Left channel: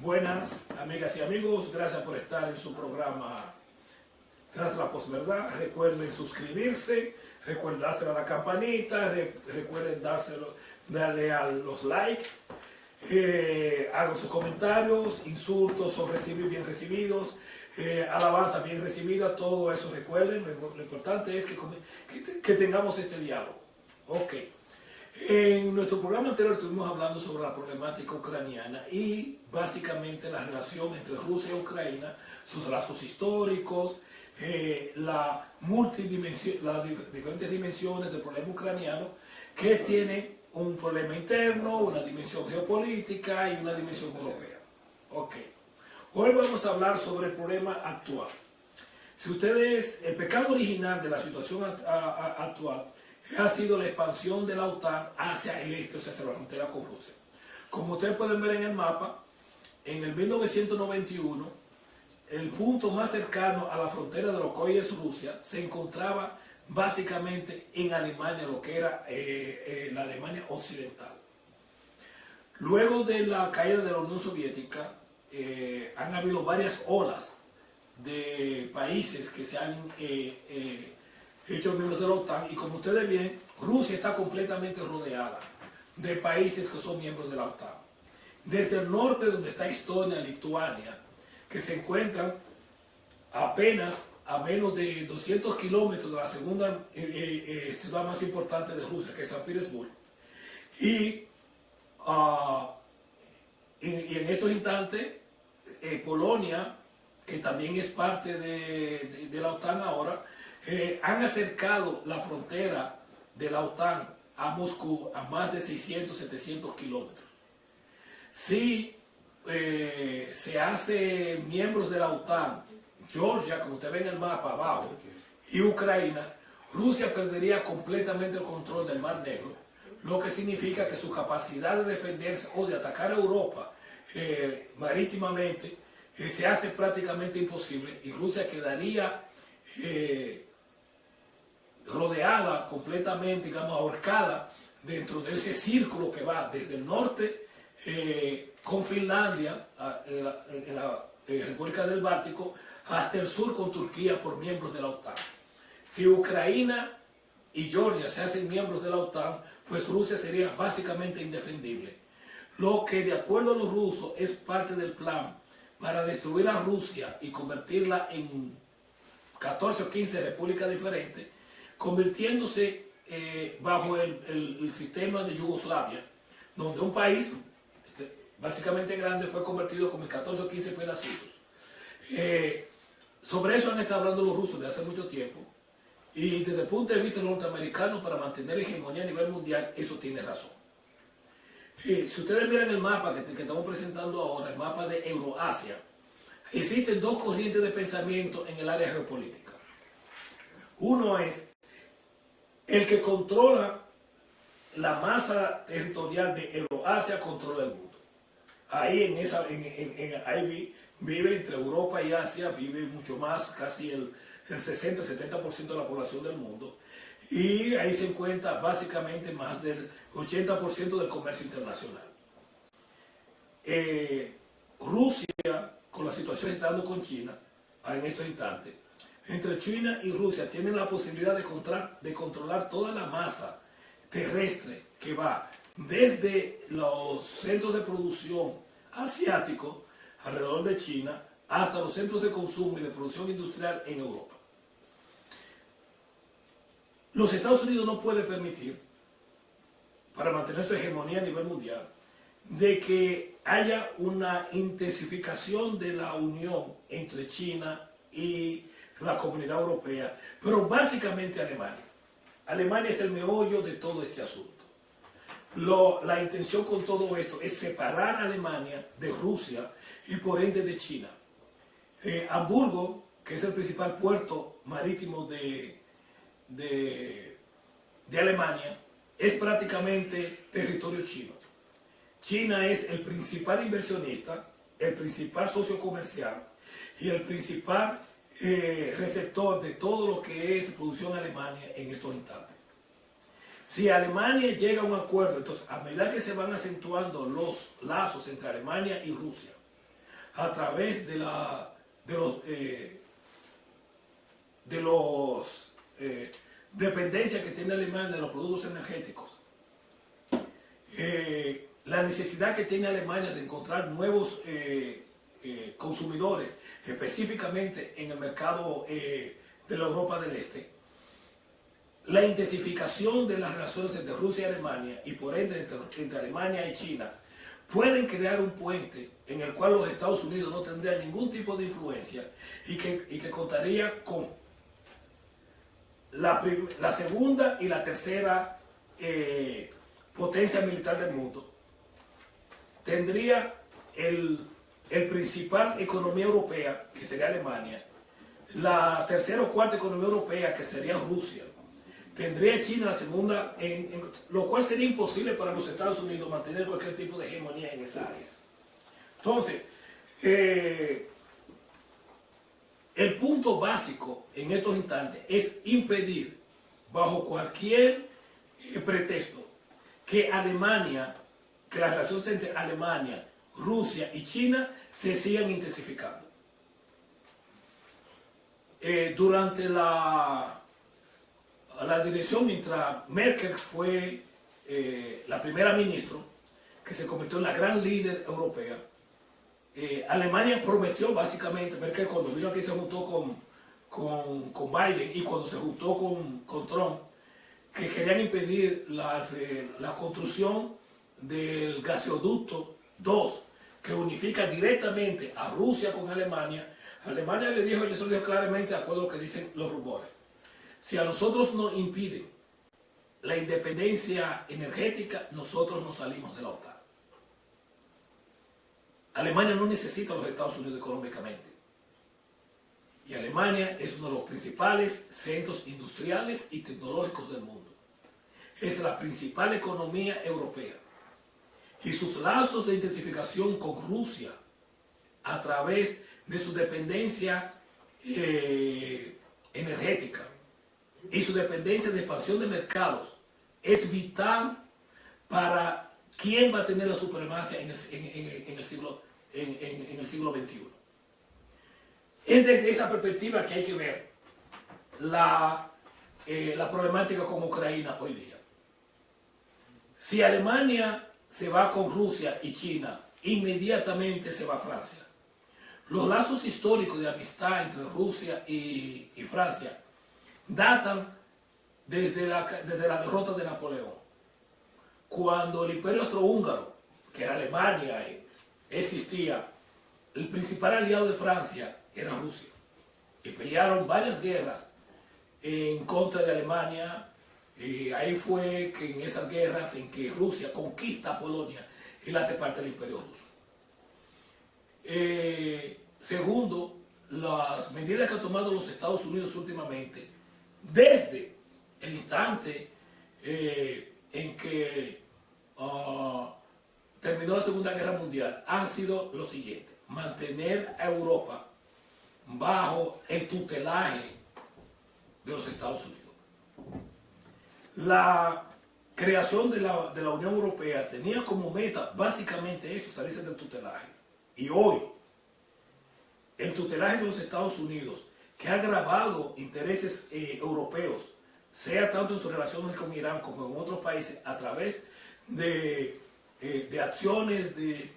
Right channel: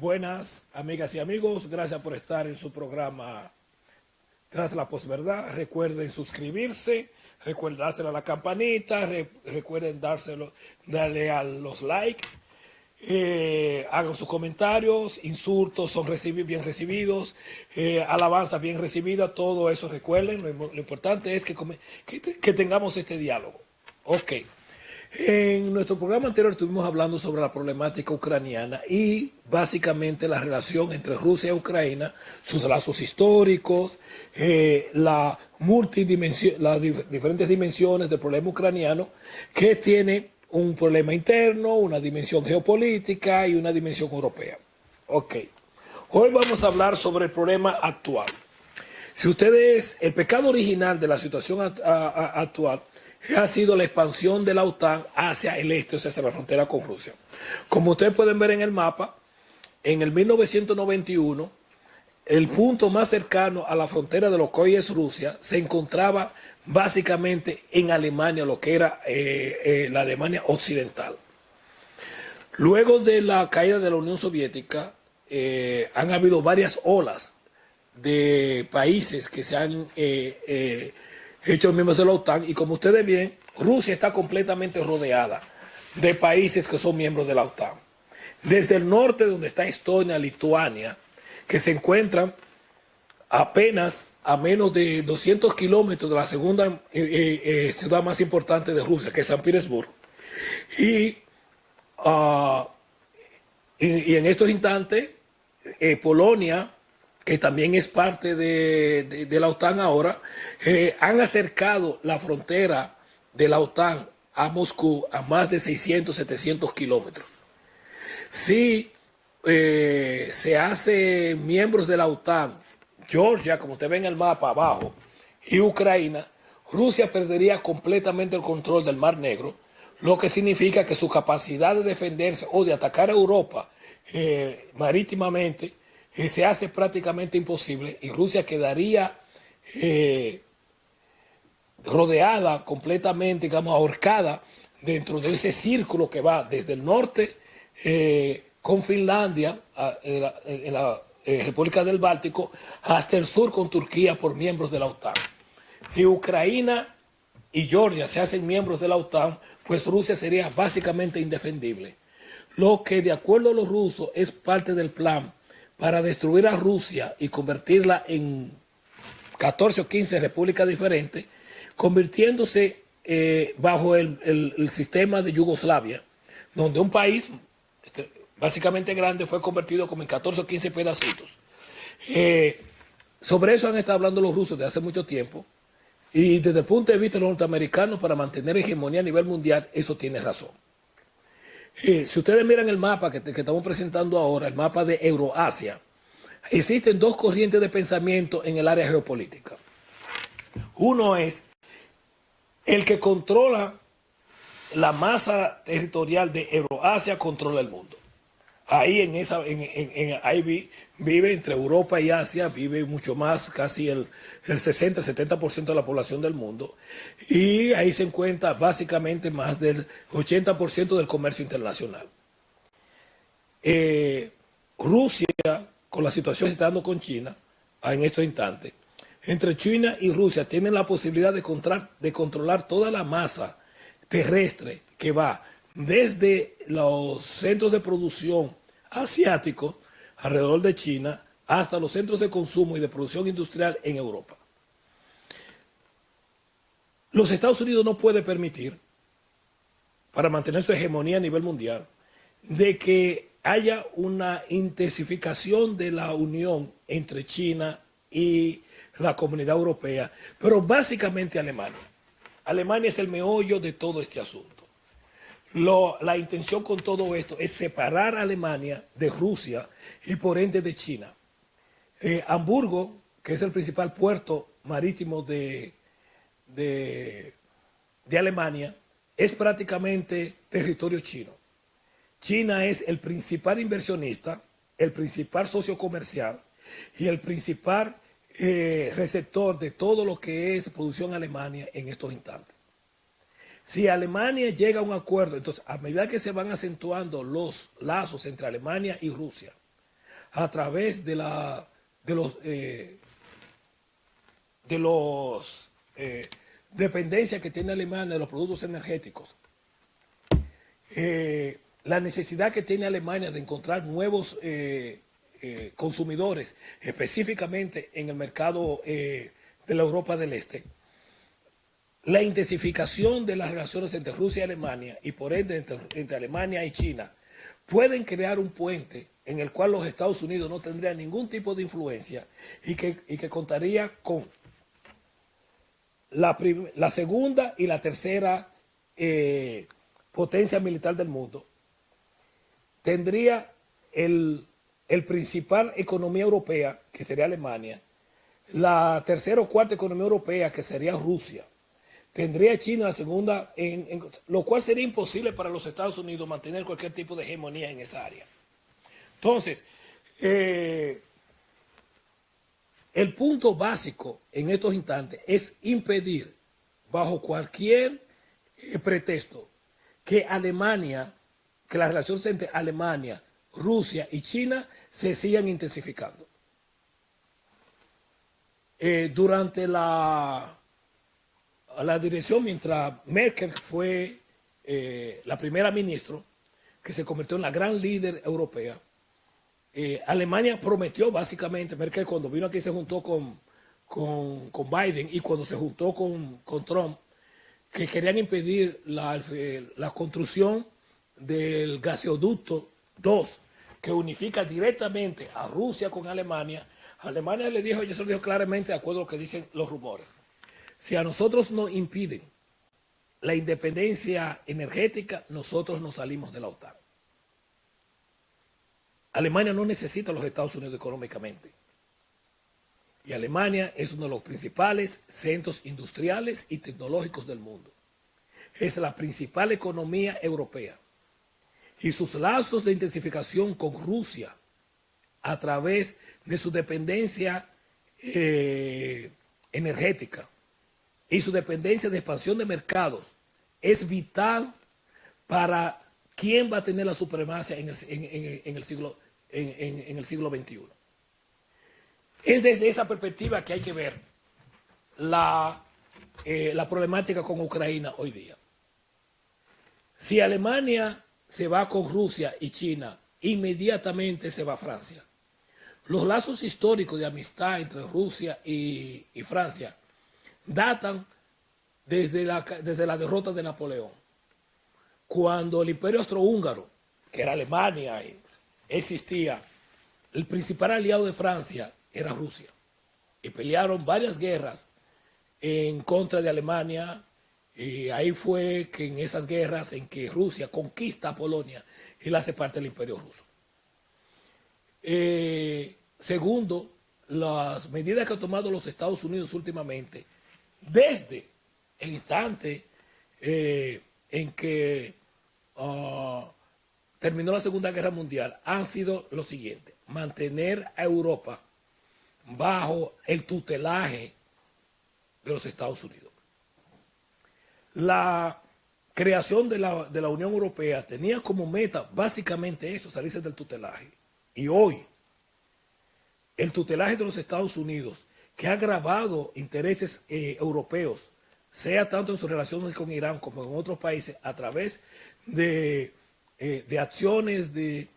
Buenas amigas y amigos, gracias por estar en su programa Tras la Posverdad. Recuerden suscribirse, recuerden dárselo a la campanita, recuerden darle a los likes, hagan sus comentarios, insultos son bien recibidos, alabanzas bien recibidas, todo eso recuerden. Lo importante es que tengamos este diálogo. Ok. En nuestro programa anterior estuvimos hablando sobre la problemática ucraniana y básicamente la relación entre Rusia y Ucrania, sus lazos históricos, las diferentes dimensiones del problema ucraniano, que tiene un problema interno, una dimensión geopolítica y una dimensión europea. Ok. Hoy vamos a hablar sobre el problema actual. Si ustedes, el pecado original de la situación actual ha sido la expansión de la OTAN hacia el este, o sea, hacia la frontera con Rusia. Como ustedes pueden ver en el mapa, en el 1991, el punto más cercano a la frontera de lo que hoy es Rusia se encontraba básicamente en Alemania, lo que era la Alemania occidental. Luego de la caída de la Unión Soviética, han habido varias olas de países que se han hechos miembros de la OTAN, y como ustedes ven, Rusia está completamente rodeada de países que son miembros de la OTAN. Desde el norte, donde está Estonia, Lituania, que se encuentran apenas a menos de 200 kilómetros de la segunda ciudad más importante de Rusia, que es San Petersburgo. Y, uh, y en estos instantes, Polonia, que también es parte de la OTAN ahora, han acercado la frontera de la OTAN a Moscú a más de 600, 700 kilómetros. Si se hace miembros de la OTAN, Georgia, como usted ve en el mapa abajo, y Ucrania, Rusia perdería completamente el control del Mar Negro, lo que significa que su capacidad de defenderse o de atacar a Europa marítimamente se hace prácticamente imposible, y Rusia quedaría rodeada completamente, digamos, ahorcada dentro de ese círculo que va desde el norte con Finlandia, en la República del Báltico, hasta el sur con Turquía por miembros de la OTAN. Si Ucrania y Georgia se hacen miembros de la OTAN, pues Rusia sería básicamente indefendible. Lo que, de acuerdo a los rusos, es parte del plan para destruir a Rusia y convertirla en 14 o 15 repúblicas diferentes, convirtiéndose bajo el sistema de Yugoslavia, donde un país básicamente grande fue convertido como en 14 o 15 pedacitos. Sobre eso han estado hablando los rusos desde hace mucho tiempo, y desde el punto de vista de los norteamericanos, para mantener hegemonía a nivel mundial, eso tiene razón. Si ustedes miran el mapa que estamos presentando ahora, el mapa de Euroasia, existen dos corrientes de pensamiento en el área geopolítica. Uno es el que controla la masa territorial de Euroasia, controla el mundo. Ahí ahí vive entre Europa y Asia, vive mucho más, casi el 60-70% de la población del mundo. Y ahí se encuentra básicamente más del 80% del comercio internacional. Rusia, con la situación que se está dando con China en estos instantes, entre China y Rusia tienen la posibilidad de controlar toda la masa terrestre que va desde los centros de producción asiáticos alrededor de China hasta los centros de consumo y de producción industrial en Europa. Los Estados Unidos no puede permitir, para mantener su hegemonía a nivel mundial, de que haya una intensificación de la unión entre China y la comunidad europea, pero básicamente Alemania. Alemania es el meollo de todo este asunto. La intención con todo esto es separar a Alemania de Rusia y por ende de China. Hamburgo, que es el principal puerto marítimo de Alemania, es prácticamente territorio chino. China es el principal inversionista, el principal socio comercial y el principal receptor de todo lo que es producción Alemania en estos instantes. Si Alemania llega a un acuerdo, entonces a medida que se van acentuando los lazos entre Alemania y Rusia, a través de los dependencias que tiene Alemania de los productos energéticos, la necesidad que tiene Alemania de encontrar nuevos consumidores, específicamente en el mercado de la Europa del Este, la intensificación de las relaciones entre Rusia y Alemania y por ende entre Alemania y China pueden crear un puente en el cual los Estados Unidos no tendrían ningún tipo de influencia y que contaría con la segunda y la tercera potencia militar del mundo. Tendría el principal economía europea, que sería Alemania, la tercera o cuarta economía europea, que sería Rusia. Tendría China la segunda, lo cual sería imposible para los Estados Unidos mantener cualquier tipo de hegemonía en esa área. Entonces, el punto básico en estos instantes es impedir, bajo cualquier pretexto, que las relaciones entre Alemania, Rusia y China se sigan intensificando. Durante la dirección, mientras Merkel fue la primera ministra, que se convirtió en la gran líder europea, Alemania prometió básicamente, Merkel cuando vino aquí se juntó con Biden y cuando se juntó con Trump, que querían impedir la construcción del gasoducto 2, que unifica directamente a Rusia con Alemania. Alemania le dijo, yo se lo digo claramente, de acuerdo a lo que dicen los rumores, si a nosotros nos impiden la independencia energética, nosotros nos salimos de la OTAN. Alemania no necesita a los Estados Unidos económicamente. Y Alemania es uno de los principales centros industriales y tecnológicos del mundo. Es la principal economía europea. Y sus lazos de intensificación con Rusia a través de su dependencia energética y su dependencia de expansión de mercados es vital para quién va a tener la supremacía en el siglo XXI. Es desde esa perspectiva que hay que ver la problemática con Ucrania hoy día. Si Alemania se va con Rusia y China, inmediatamente se va a Francia. Los lazos históricos de amistad entre Rusia y Francia datan desde la derrota de Napoleón, cuando el Imperio Austrohúngaro, que era Alemania, existía. El principal aliado de Francia era Rusia y pelearon varias guerras en contra de Alemania, y ahí fue que en esas guerras en que Rusia conquista a Polonia y la hace parte del Imperio Ruso. Segundo, las medidas que han tomado los Estados Unidos últimamente, desde el instante en que terminó la Segunda Guerra Mundial, han sido lo siguiente: mantener a Europa bajo el tutelaje de los Estados Unidos. La creación de la Unión Europea tenía como meta básicamente eso, salirse del tutelaje. Y hoy, el tutelaje de los Estados Unidos, que ha agravado intereses europeos, sea tanto en sus relaciones con Irán como en otros países, a través de acciones de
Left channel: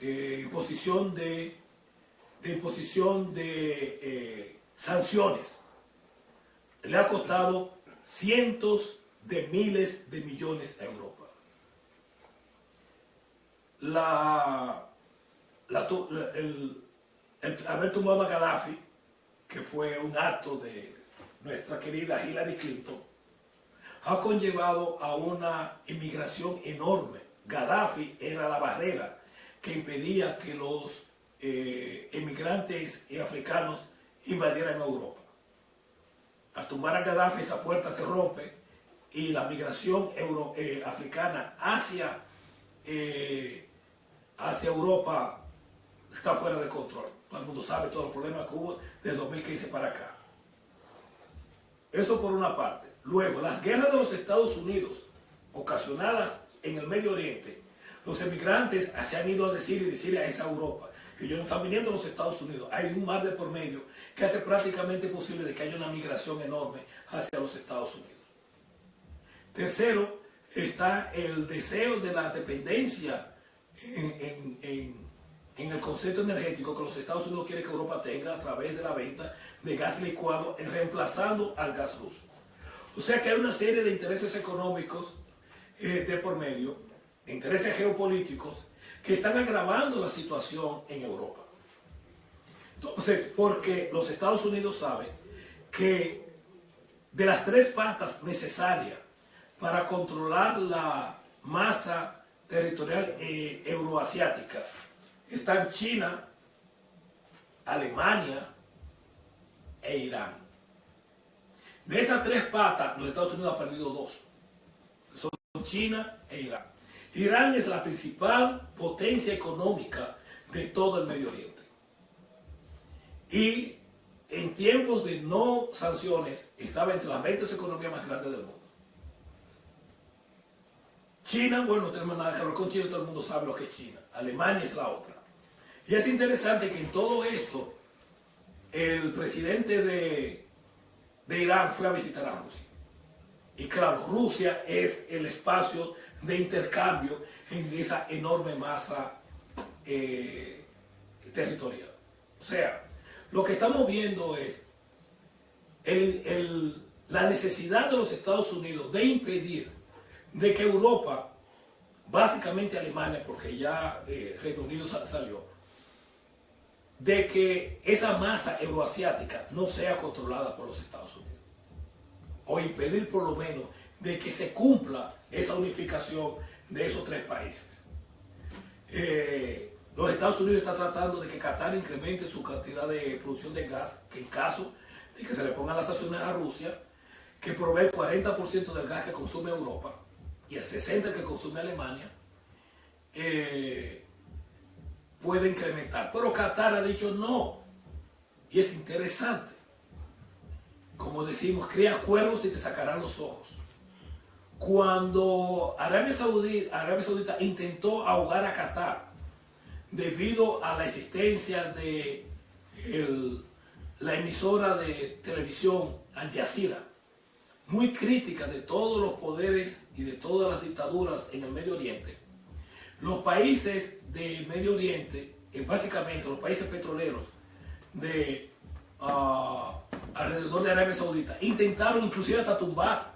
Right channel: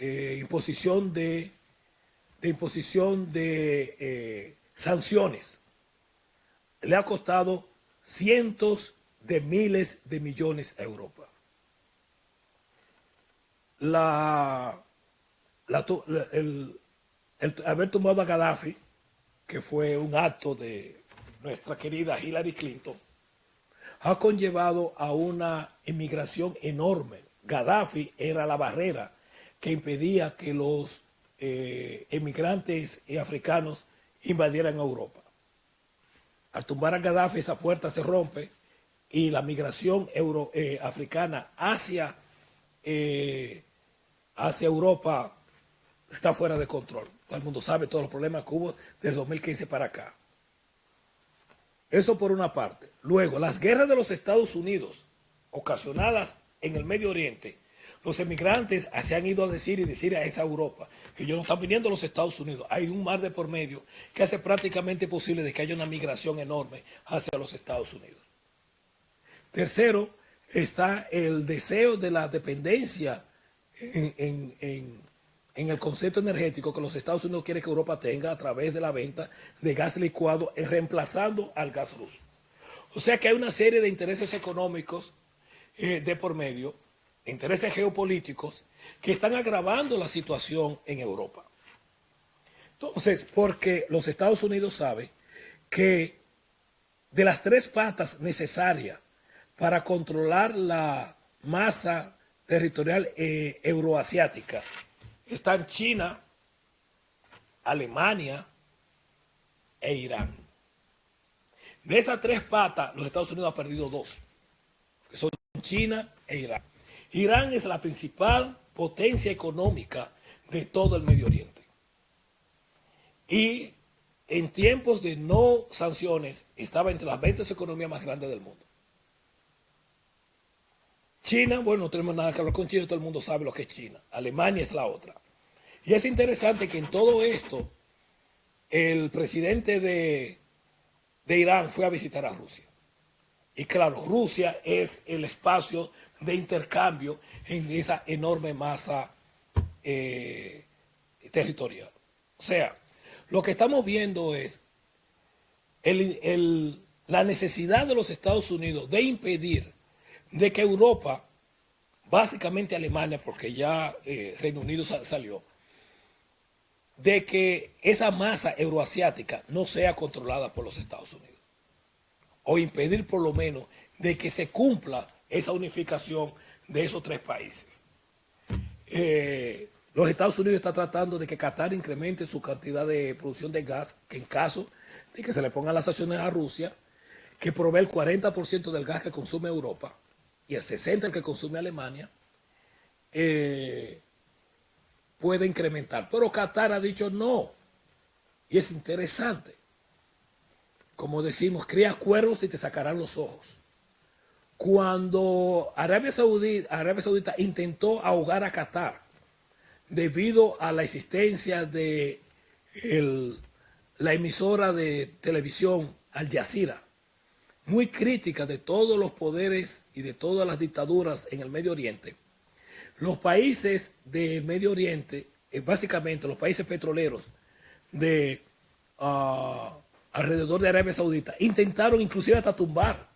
imposición de sanciones, le ha costado cientos de miles de millones a Europa. El haber tomado a Gaddafi, que fue un acto de nuestra querida Hillary Clinton, ha conllevado a una inmigración enorme. Gaddafi era la barrera que impedía que los inmigrantes africanos invadieran Europa. Al tumbar a Gaddafi, esa puerta se rompe y la migración africana hacia Europa está fuera de control. Todo el mundo sabe todos los problemas que hubo desde 2015 para acá. Eso por una parte. Luego, las guerras de los Estados Unidos ocasionadas en el Medio Oriente, los emigrantes se han ido a decir a esa Europa Ellos no están viniendo a los Estados Unidos. Hay un mar de por medio que hace prácticamente posible de que haya una migración enorme hacia los Estados Unidos. Tercero, está el deseo de la dependencia en el concepto energético que los Estados Unidos quiere que Europa tenga a través de la venta de gas licuado, reemplazando al gas ruso. O sea que hay una serie de intereses económicos de por medio, intereses geopolíticos, que están agravando la situación en Europa. Entonces, porque los Estados Unidos saben que de las tres patas necesarias para controlar la masa territorial euroasiática, están China, Alemania e Irán. De esas tres patas, los Estados Unidos han perdido dos, que son China e Irán. Irán es la principal potencia económica de todo el Medio Oriente. Y en tiempos de no sanciones, estaba entre las 20 economías más grandes del mundo. China, bueno, no tenemos nada que hablar con China, todo el mundo sabe lo que es China. Alemania es la otra. Y es interesante que en todo esto, el presidente de Irán fue a visitar a Rusia. Y claro, Rusia es el espacio de intercambio en esa enorme masa territorial. O sea, lo que estamos viendo es la necesidad de los Estados Unidos de impedir de que Europa, básicamente Alemania, porque ya Reino Unido salió, de que esa masa euroasiática no sea controlada por los Estados Unidos. O impedir por lo menos de que se cumpla esa unificación de esos tres países. Los Estados Unidos están tratando de que Qatar incremente su cantidad de producción de gas, que en caso de que se le pongan las sanciones a Rusia, que provee el 40% del gas que consume Europa y el 60% que consume Alemania, puede incrementar. Pero Qatar ha dicho no. Y es interesante. Como decimos, cría cuervos y te sacarán los ojos. Cuando Arabia Saudita intentó ahogar a Qatar debido a la existencia de la emisora de televisión Al Jazeera, muy crítica de todos los poderes y de todas las dictaduras en el Medio Oriente, los países del Medio Oriente, básicamente los países petroleros de alrededor de Arabia Saudita, intentaron inclusive hasta tumbar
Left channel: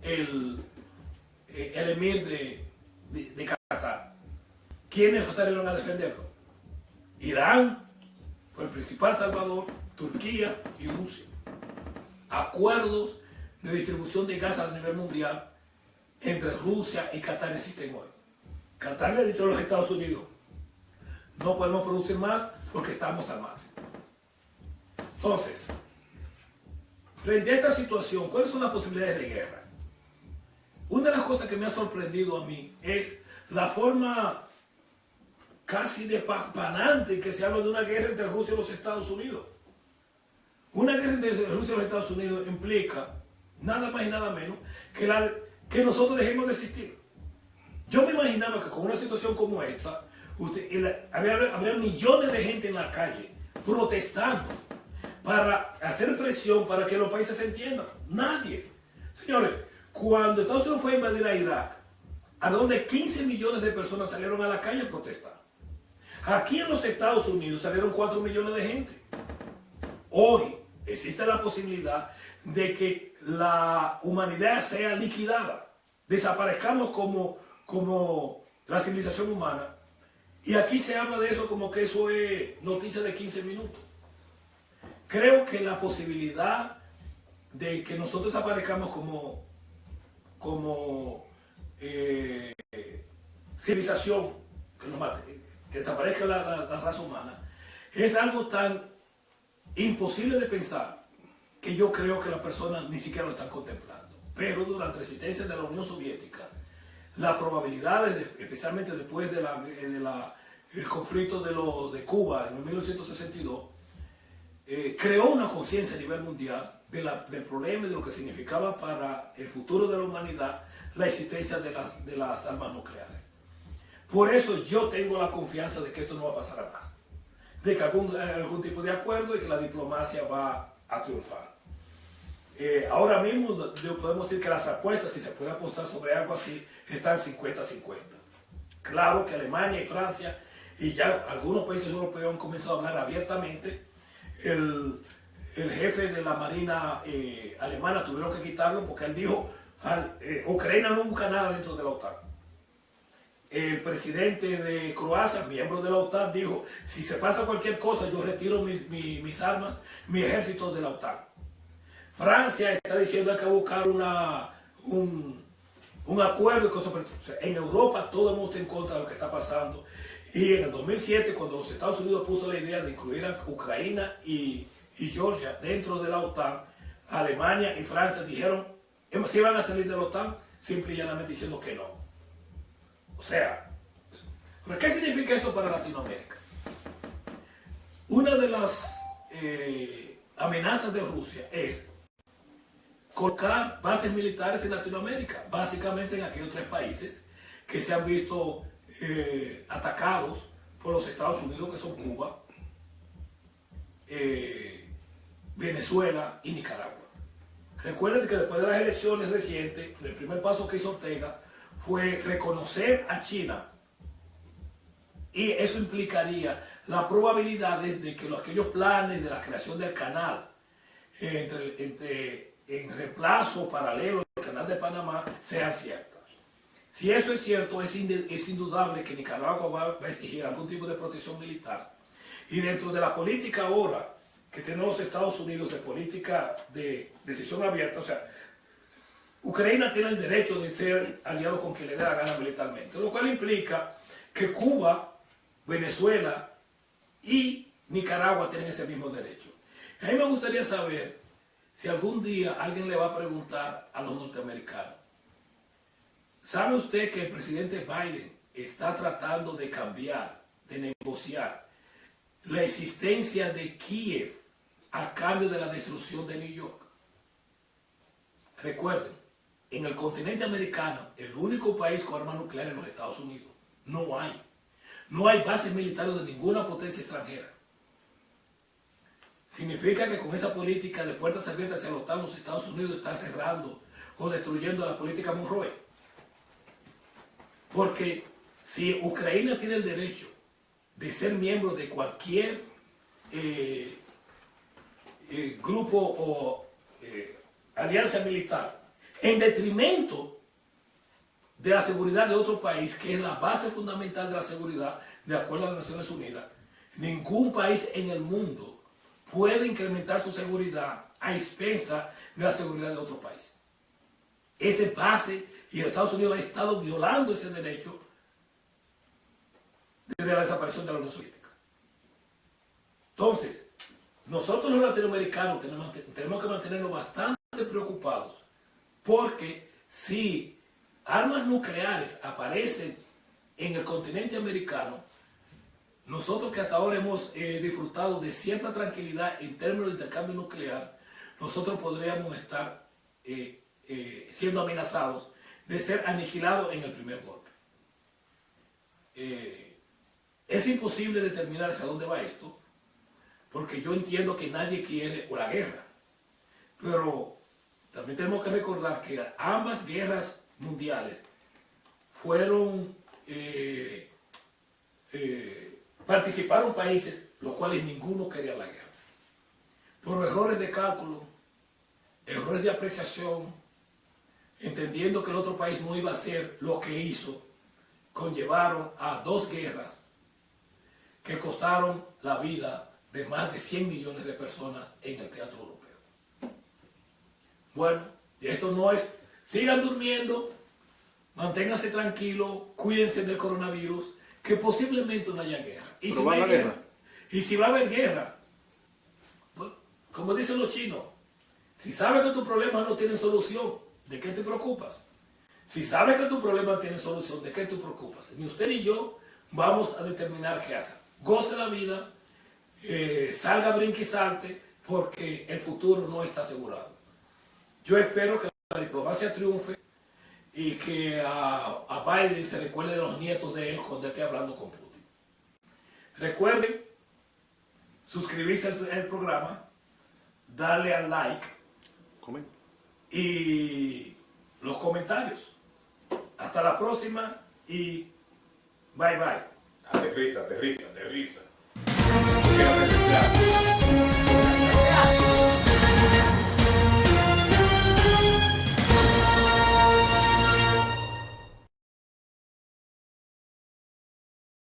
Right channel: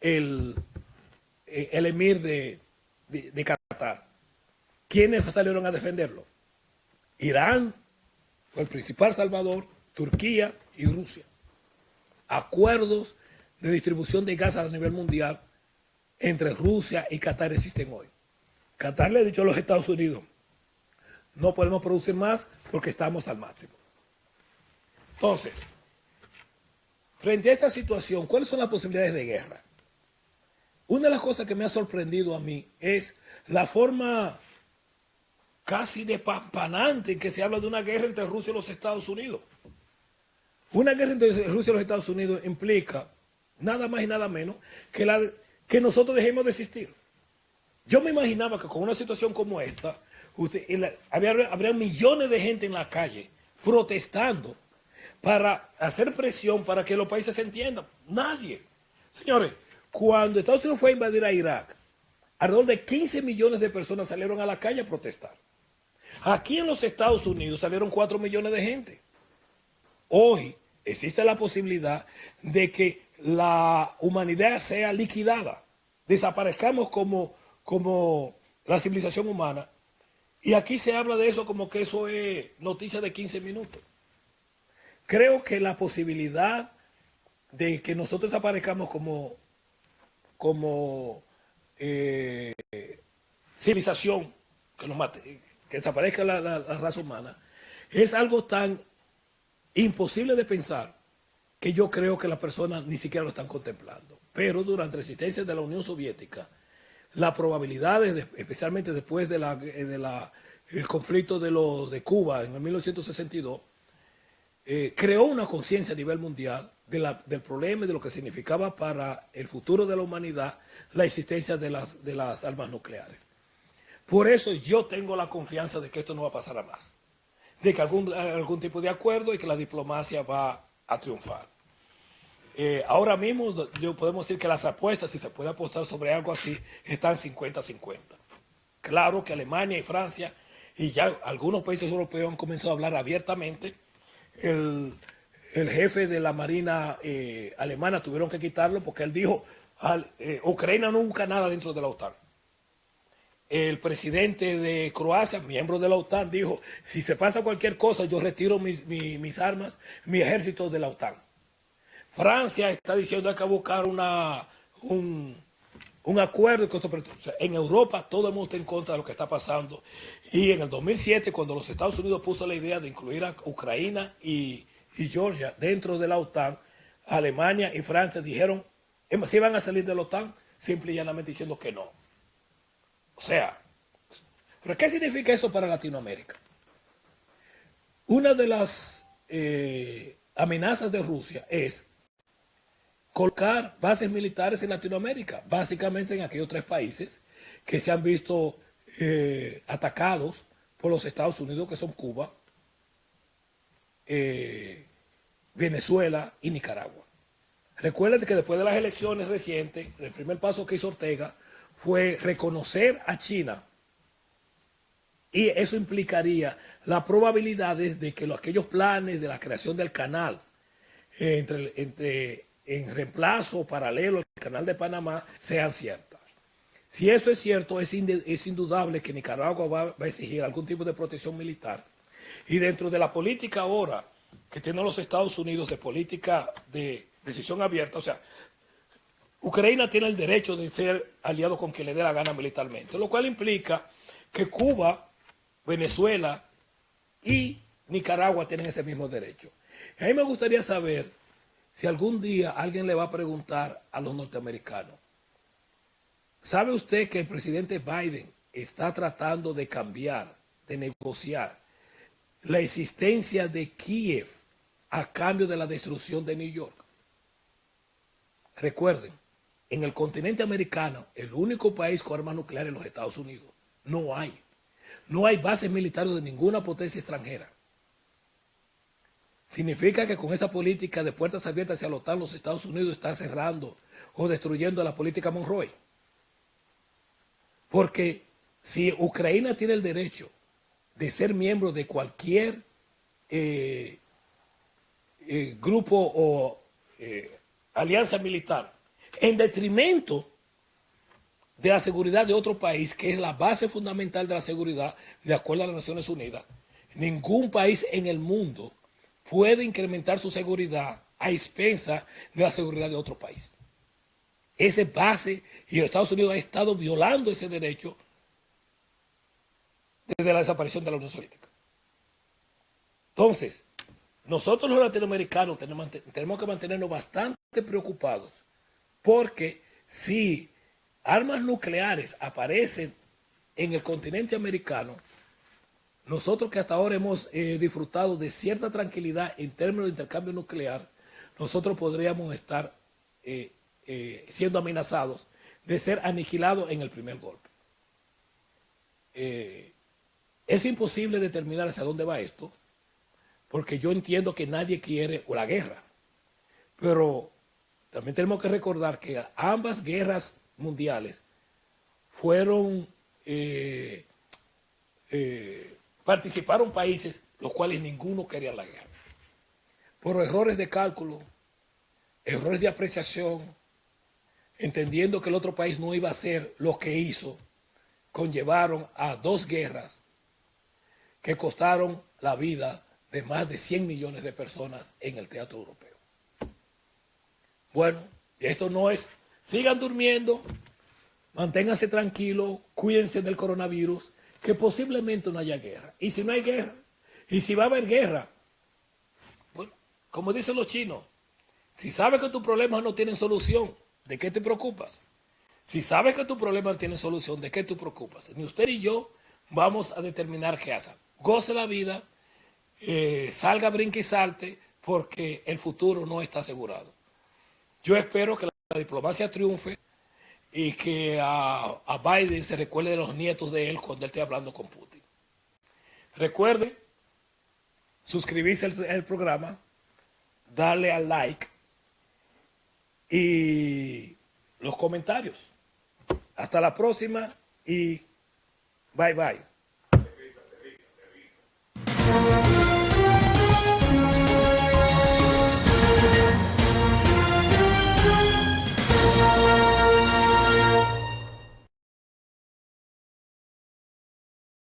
el emir de Qatar. ¿Quiénes salieron a defenderlo? Irán fue el principal salvador, Turquía y Rusia. Acuerdos de distribución de gas a nivel mundial entre Rusia y Qatar existen hoy. Qatar le ha dicho a los Estados Unidos, no podemos producir más porque estamos al máximo. Entonces, frente a esta situación, ¿cuáles son las posibilidades de guerra? Una de las cosas que me ha sorprendido a mí es la forma casi despampanante en que se habla de una guerra entre Rusia y los Estados Unidos. Una guerra entre Rusia y los Estados Unidos implica nada más y nada menos que nosotros dejemos de existir. Yo me imaginaba que con una situación como esta, habría millones de gente en la calle protestando para hacer presión para que los países se entiendan. Nadie. Señores, cuando Estados Unidos fue a invadir a Irak, alrededor de 15 millones de personas salieron a la calle a protestar. Aquí en los Estados Unidos salieron 4 millones de gente. Hoy existe la posibilidad de que la humanidad sea liquidada, desaparezcamos como la civilización humana. Y aquí se habla de eso como que eso es noticia de 15 minutos. Creo que la posibilidad de que nosotros desaparezcamos como civilización, que desaparezca la raza humana, es algo tan imposible de pensar que yo creo que las personas ni siquiera lo están contemplando. Pero durante la existencia de la Unión Soviética, las probabilidades, especialmente después del conflicto de Cuba en 1962, creó una conciencia a nivel mundial del problema y de lo que significaba para el futuro de la humanidad la existencia de las armas nucleares. Por eso yo tengo la confianza de que esto no va a pasar a más. De que algún tipo de acuerdo y que la diplomacia va a triunfar. Ahora mismo podemos decir que las apuestas, si se puede apostar sobre algo así, están 50-50. Claro que Alemania y Francia y ya algunos países europeos han comenzado a hablar abiertamente. El jefe de la Marina alemana tuvieron que quitarlo porque él dijo, Ucrania no busca nada dentro de la OTAN. El presidente de Croacia, miembro de la OTAN, dijo, si se pasa cualquier cosa, yo retiro mis armas, mi ejército de la OTAN. Francia está diciendo que hay que buscar un acuerdo. O sea, en Europa todo el mundo está en contra de lo que está pasando. Y en el 2007, cuando los Estados Unidos puso la idea de incluir a Ucrania y Georgia dentro de la OTAN, Alemania y Francia dijeron, si van a salir de la OTAN, simple y llanamente diciendo que no. O sea, ¿pero qué significa eso para Latinoamérica? Una de las amenazas de Rusia es colocar bases militares en Latinoamérica, básicamente en aquellos 3 países que se han visto atacados por los Estados Unidos, que son Cuba, Venezuela y Nicaragua. Recuerden que después de las elecciones recientes, el primer paso que hizo Ortega fue reconocer a China, y eso implicaría las probabilidades de que aquellos planes de la creación del canal en reemplazo o paralelo al canal de Panamá sean ciertas. Si eso es cierto, es indudable que Nicaragua va a exigir algún tipo de protección militar. Y dentro de la política ahora que tienen los Estados Unidos de política de decisión abierta, o sea, Ucrania tiene el derecho de ser aliado con quien le dé la gana militarmente, lo cual implica que Cuba, Venezuela y Nicaragua tienen ese mismo derecho. A mí me gustaría saber si algún día alguien le va a preguntar a los norteamericanos, ¿sabe usted que el presidente Biden está tratando de cambiar, de negociar la existencia de Kiev a cambio de la destrucción de New York? Recuerden, en el continente americano, el único país con armas nucleares es los Estados Unidos. No hay. No hay bases militares de ninguna potencia extranjera. Significa que con esa política de puertas abiertas hacia la OTAN, los Estados Unidos están cerrando o destruyendo la política Monroe. Porque si Ucrania tiene el derecho de ser miembro de cualquier grupo o alianza militar, en detrimento de la seguridad de otro país, que es la base fundamental de la seguridad, de acuerdo a las Naciones Unidas, ningún país en el mundo puede incrementar su seguridad a expensas de la seguridad de otro país. Esa base, y los Estados Unidos ha estado violando ese derecho desde la desaparición de la Unión Soviética. Entonces, nosotros los latinoamericanos tenemos que mantenernos bastante preocupados, porque si armas nucleares aparecen en el continente americano, nosotros que hasta ahora hemos disfrutado de cierta tranquilidad en términos de intercambio nuclear, nosotros podríamos estar siendo amenazados de ser aniquilados en el primer golpe. Es imposible determinar hacia dónde va esto, porque yo entiendo que nadie quiere la guerra, pero también tenemos que recordar que ambas guerras mundiales fueron participaron países los cuales ninguno quería la guerra. Por errores de cálculo, errores de apreciación, entendiendo que el otro país no iba a hacer lo que hizo, conllevaron a 2 guerras que costaron la vida de más de 100 millones de personas en el teatro europeo. Bueno, esto no es, sigan durmiendo, manténganse tranquilos, cuídense del coronavirus, que posiblemente no haya guerra. Y si va a haber guerra, y si va a haber guerra, bueno, como dicen los chinos, si sabes que tus problemas no tienen solución, ¿de qué te preocupas? Si sabes que tus problemas tienen solución, ¿de qué te preocupas? Ni usted ni yo vamos a determinar qué hacer. Goce la vida, salga, brinque y salte, porque el futuro no está asegurado. Yo espero que la diplomacia triunfe y que a Biden se recuerde de los nietos de él cuando él esté hablando con Putin. Recuerden suscribirse al programa, darle al like y los comentarios. Hasta la próxima y bye bye. Aterriza, aterriza, aterriza.